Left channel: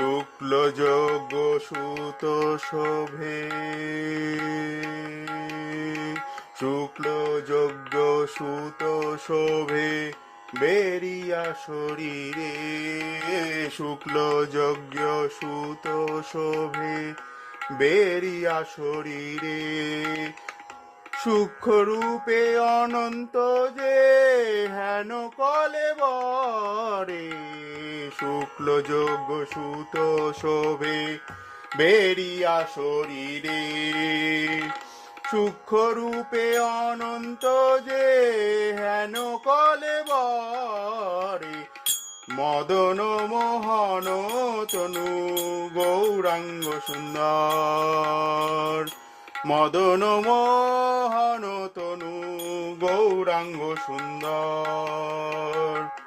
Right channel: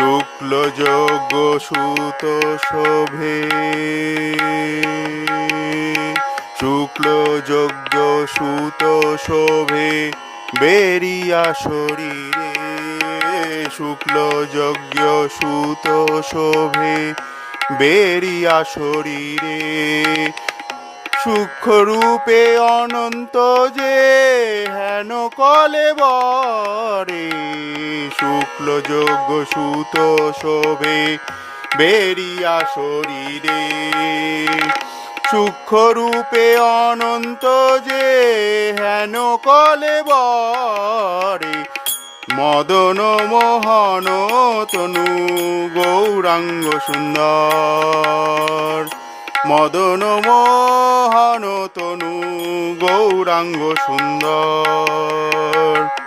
শুক্ল যজ্ঞ সুত শোভে, শুক্ল যজ্ঞ সুত শোভে বেরিয়া শরীরে, শুক্ল যজ্ঞ সুত শোভে বেরিয়া শরীরে, সূক্ষ্মরূপে অনন্ত যে হেন কলেবরে, শুক্ল যজ্ঞ সুত শোভে বেরিয়া শরীরে, সূক্ষ্মরূপে অনন্ত যে হেন কলেবরে, মদন মোহন তনু গৌরাঙ্গ সুন্দর, মদন মোহন তনু গৌরাঙ্গ সুন্দর।